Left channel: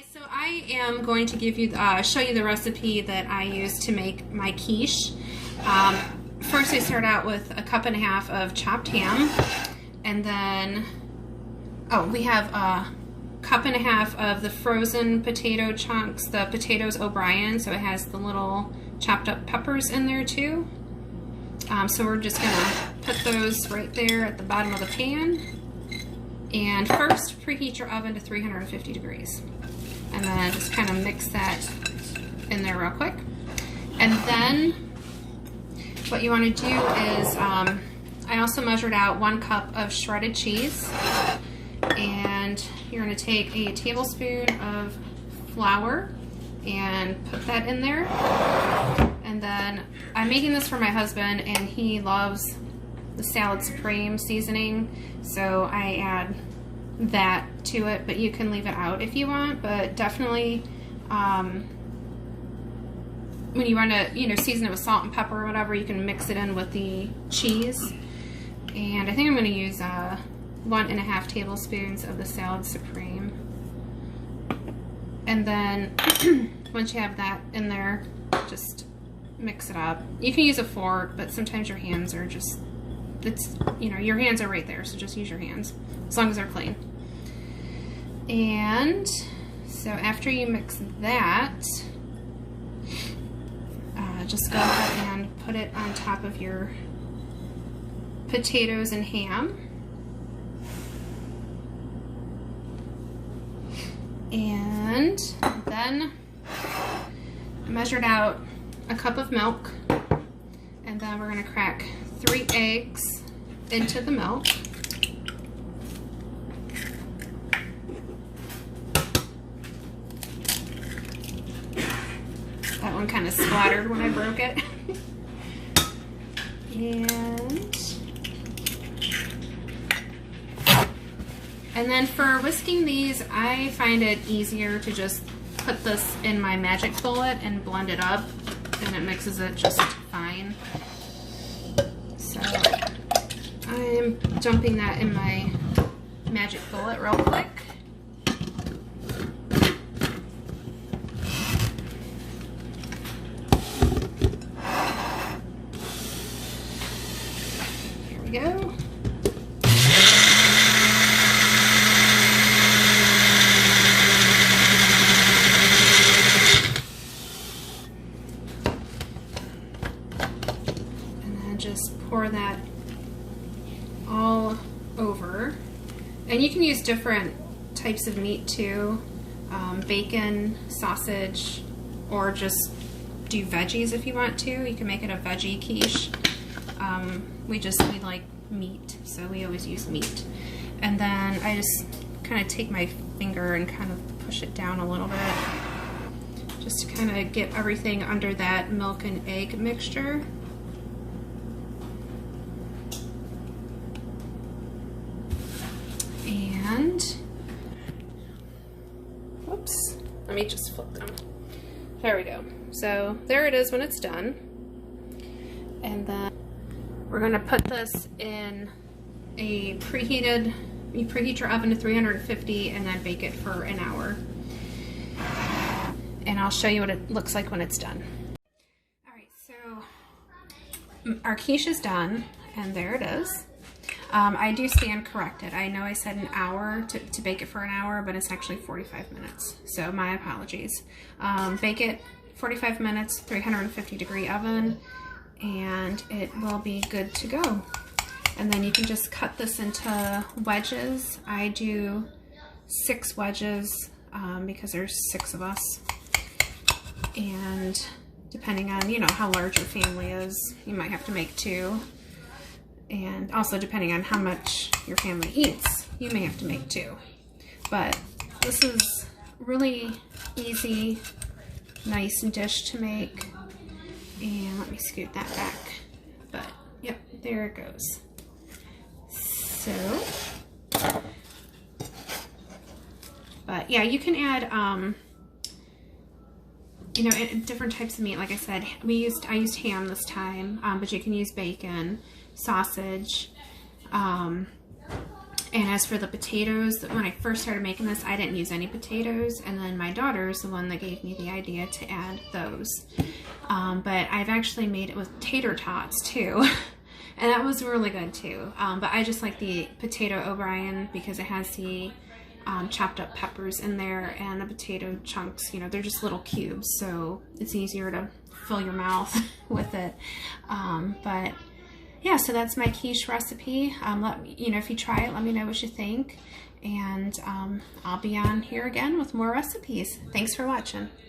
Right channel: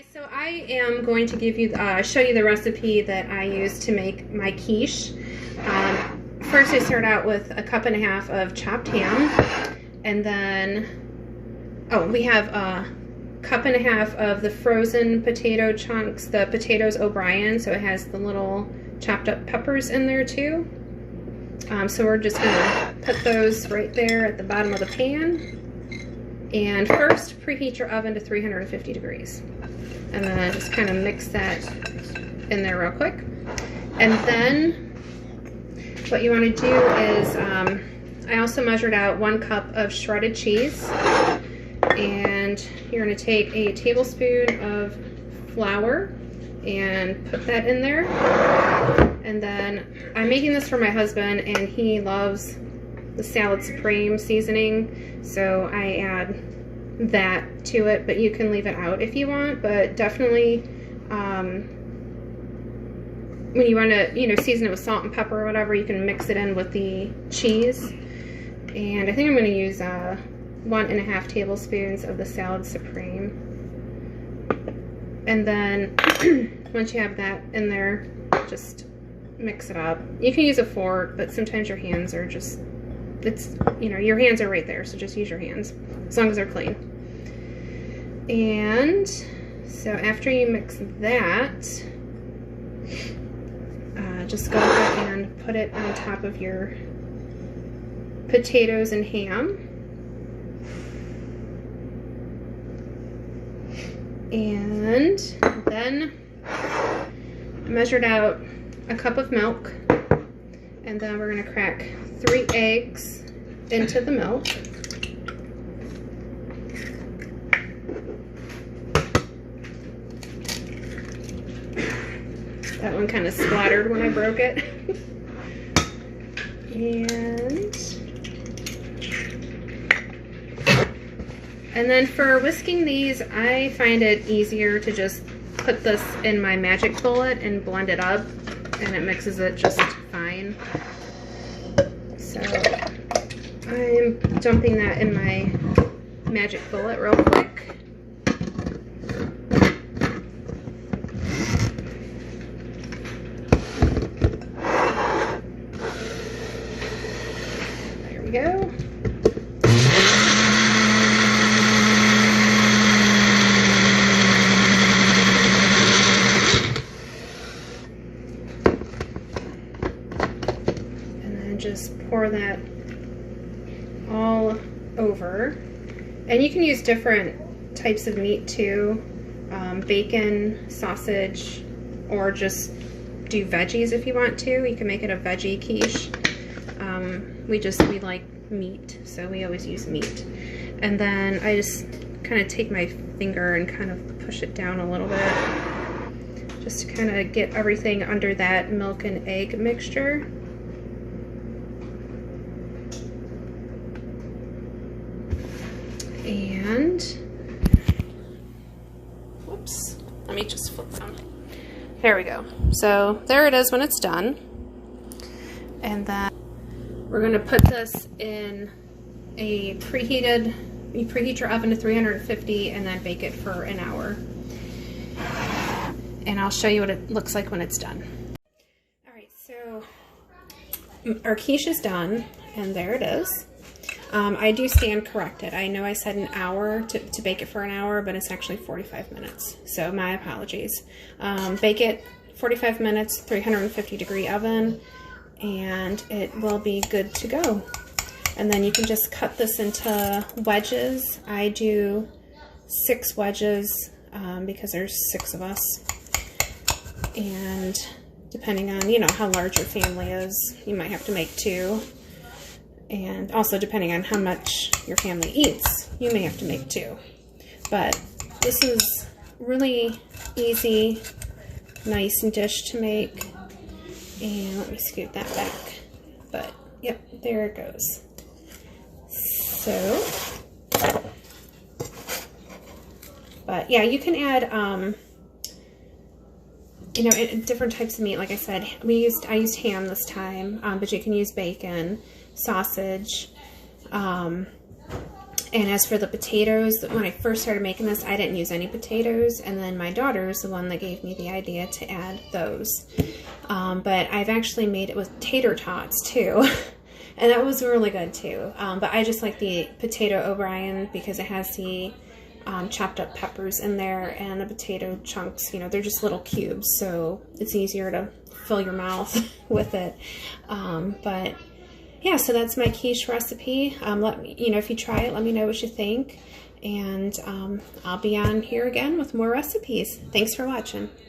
Hi, so I am going to give you, show you the recipe that I use to make my quiche. First I start out with a cup and a half of chopped ham, and then, we have a cup and a half of the frozen potato chunks, the potatoes O'Brien, so it has the little chopped up peppers in there too. So we're just going to put those right there at the bottom of the pan. And first, preheat your oven to 350 degrees. And then just kind of mix that in there real quick. And then what you want to do is, I also measured out 1 cup of shredded cheese. And you're going to take a tablespoon of flour and put that in there. And then I'm making this for my husband, and he loves the Salad Supreme seasoning, so I add that to it, but you can leave it out if you want. But definitely when you want to season it with salt and pepper or whatever, you can mix it in with the cheese. And I think I'm going to use 1.5 tablespoons of the Salad Supreme. And then once you have that in there, just mix it up. You can use a fork, but sometimes your hands are just, your hands are right there, so just use your hands, as long as they're clean. And so after you mix that, just go ahead and put it on top of your potatoes and ham. And then I measured out a cup of milk, and then we're going to crack 3 eggs into the milk. That one kind of splattered when I broke it. And then for whisking these, I find it easier to just put this in my magic bullet and blend it up, and it mixes it just fine. So I'm dumping that in my magic bullet real quick. There we go. Just pour that all over. And you can use different types of meat too, bacon, sausage, or just do veggies if you want to. You can make it a veggie quiche. We like meat, so we always use meat. And then I just kind of take my finger and kind of push it down a little bit, just to kind of get everything under that milk and egg mixture. And, whoops, let me just flip them. There we go. So there it is when it's done. And then we're going to put this in a you preheat your oven to 350 and then bake it for an hour. And I'll show you what it looks like when it's done. Alright, so our quiche is done, and there it is. I do stand corrected. I know I said an hour to bake it for an hour, but it's actually 45 minutes. So my apologies. Bake it 45 minutes, 350 degree oven, and it will be good to go. And then you can just cut this into wedges. I do 6 wedges because there's 6 of us. And depending on, how large your family is, you might have to make 2. And also depending on how much your family eats, you may have to make 2. But this is really easy, nice dish to make. And let me scoot that back. But yep, there it goes. So, but yeah, you can add different types of meat. Like I said, I used ham this time, but you can use bacon, sausage, And as for the potatoes, when I first started making this, I didn't use any potatoes, and then my daughter's the one that gave me the idea to add those. But I've actually made it with tater tots too, and that was really good too. But I just like the potato O'Brien because it has the chopped up peppers in there and the potato chunks. You know, they're just little cubes, so it's easier to fill your mouth with it. But yeah, so that's my quiche recipe. Let me, you know, if you try it, let me know what you think. And I'll be on here again with more recipes. Thanks for watching.